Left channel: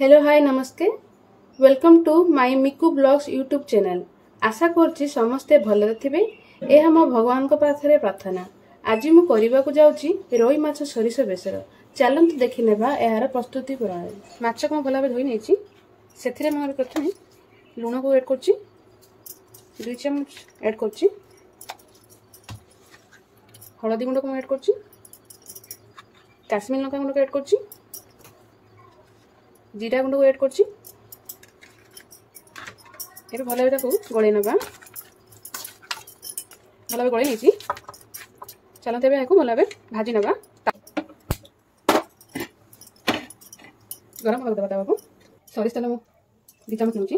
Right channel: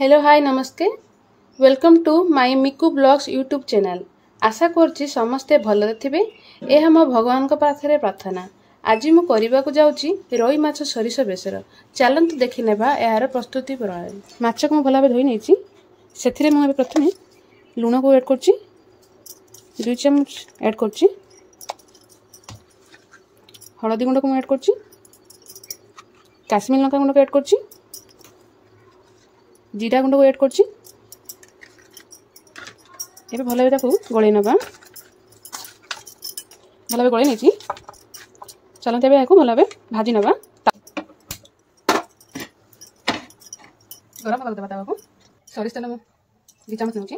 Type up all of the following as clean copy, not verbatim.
Hello hi नमस्ते welcome to my Miku blogs YouTube channel. आशा करछि समस्ते भल थे। यह मो भगवान को पाथरे प्रार्थना। आज मु करबा को जाउछि रोई माछ सरिष बेसर। चलंतु देखि नेबा यार प्रस्तुति प्रणाली। माछ को भल भाबे धोई नेछि। सेथिरे मु प्रथमे लूण को ऐड करछि, 2 चम्मच ऐड करछि। हळदी गुंड को ऐड करछि, काश्मीर लंका गुंड को ऐड करछि, जीरा गुंड को ऐड करछि। एबे भल भाबे ताकू गळै नबा। भल भाबे गळै नेछि। चलते एबे याकू भल भाबे भाजी नबा। गरम कर देबा ताकू। सरिष तेल 2 चम्मच नेछि।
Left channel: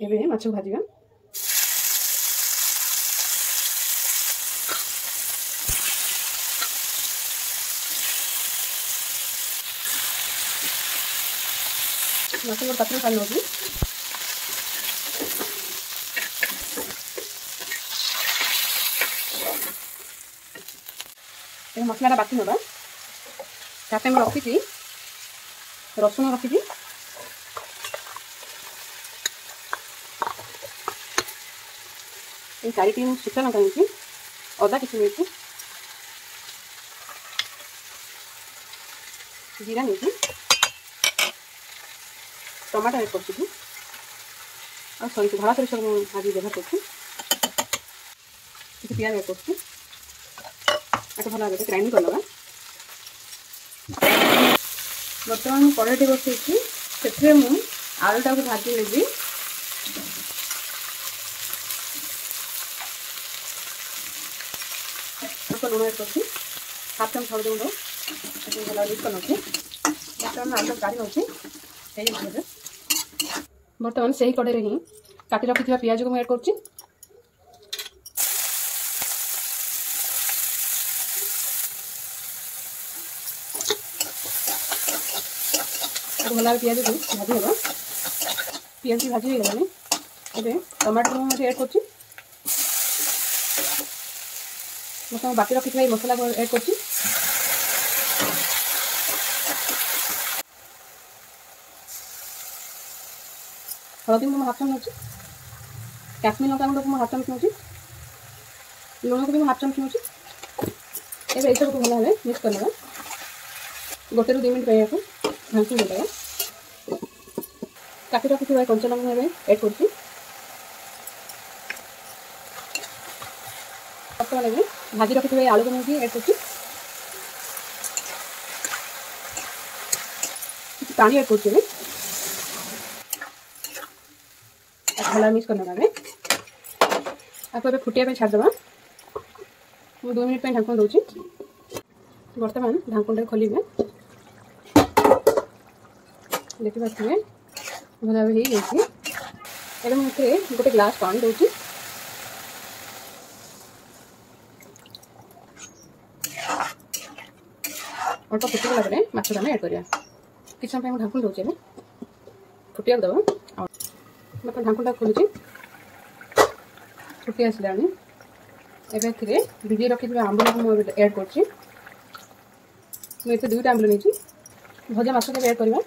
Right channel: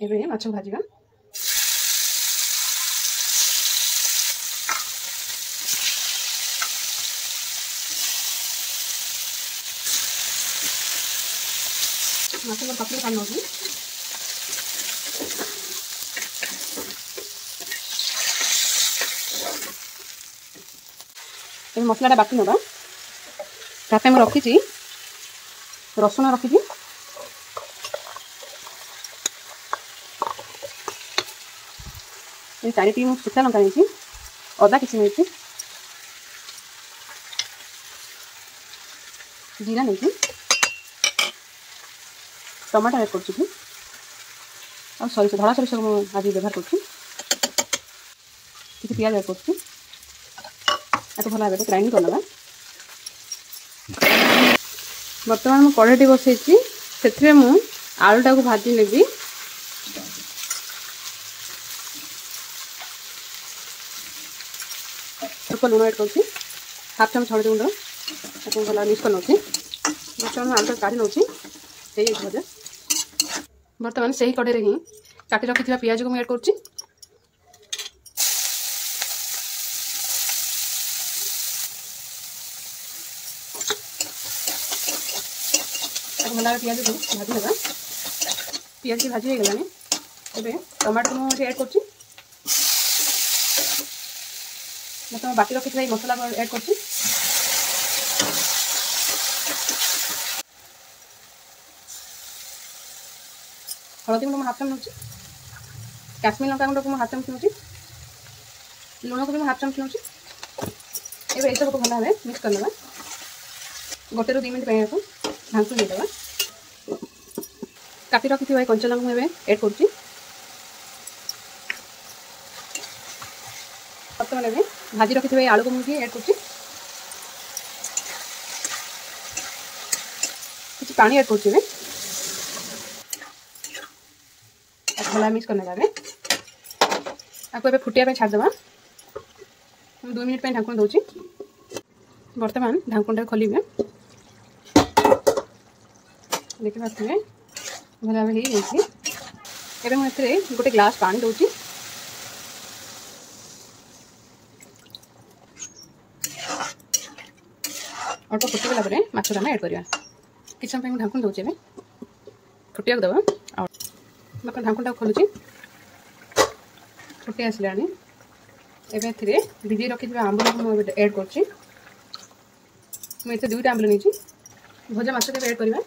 एबे माछ भाजीबा। मसाला पतली कर लोगी। ए मसलाटा बाटी नबा। तापे म रखी छी रसुन रखी छी। ए 4 सुखा लंका नेछि, अदा किछि नेछि, जीरा नेछि, टमाटो ऐड करछि और सरिष धला सरिष आज व्यवहार करछि। किछि प्याज ऐड करछि। आको भला भाबे ग्राइंड कर लगा। वर्तमान मु कढ़ाई बसैछि। सेथरे मु आलूटा को भाजी लेबी। लूण ऐड करछि, 1/2 चम्मच हळदी गुंड ताको भला मिक्स कर नछि। वर्तमान आलूटा काढी नछि। बर्तमान से ही कड़े ही काटी रखी पियाज को ऐड करछि। भला पियाज को भाजी होगा। पियाज की भाजी हो गलानी। एबे टमाटर को ऐड करछि। मतलब बाकी रखी मसला को ऐड करछि। हळदी गुंड 1/2 चम्मच नछि, काश्मीर लंका गुंड को 1/2 चम्मच नछि, लूण को 1/2 चम्मच नछि। एबे सब को भला भाबे मिक्स कर लेबा। 1 ରୁ 2 मिनिट पे को ढांकी दे देबा। काटी रखि थिबा कंचा लंका एबे ऐड करछि। पत्ता लेबे भाजी रखि थिबा आलू को मुझे ऐड करछि। कुछ पानी ऐड करछि। एबे भला मिक्स करने जाबे। आपको एबे फुटिया पे छाड़ देबा। हम 2 मिनिट पे ढांकन दोछि। वर्तमान ढांकनटा खोलिबे। देखि बाथबे भला हे जेछि। एबे हम एतरे गोटे ग्लास पानी दोछि। अल्प फुटिला परे माछ दाना ऐड करिया। किछ समय हम ढांकन दोछि। एबे फुटिया देबा। मतलब ढांकनटा खोलुछि। फुटी आसलानी। एबे थिरे भिडी रखि आंबल को ऐड करछि। मैं एते 2टा आंबल नेछि। भजा माछ के ऐड करबा।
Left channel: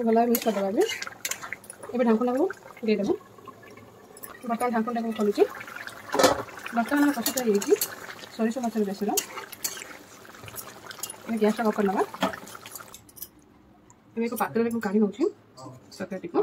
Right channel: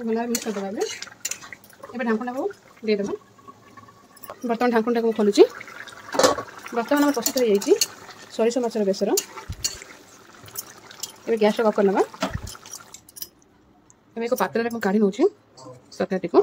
भला मिक्स कर देबा। एबे ढांकनटा को दे देबा। बर्तन ढांकनटा को खोलुछि। बर्तमान हम प्रस्तुत हो जाइछि सरिष माछर बेसर। एबे गैस ऑफ करनबा। एबे को पात्र में काढी नउछि तरकारी को।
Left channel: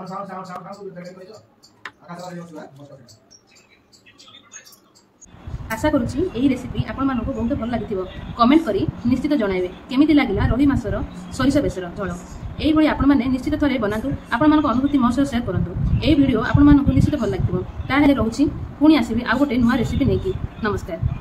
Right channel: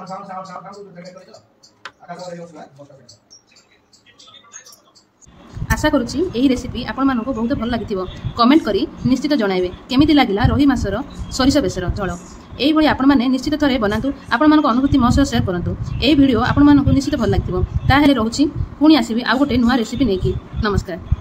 आशा करूछि एही रेसिपी आपण मानको बहुत भल लागिथिबो। कमेंट करी निश्चित जणाइबे केमिति लागिला रोही माछर सरिष बेसर झोल। एही भली आपण माने निश्चित थरे बनातु। आपण मानको अनुभूति मो सह शेयर करंतु। एही वीडियो आपण मानको निश्चित भल लागिथिबो। ता हेले रहउछि पुणी आसीबी आ गोटे नुवा रेसिपी नेकी। नमस्कार।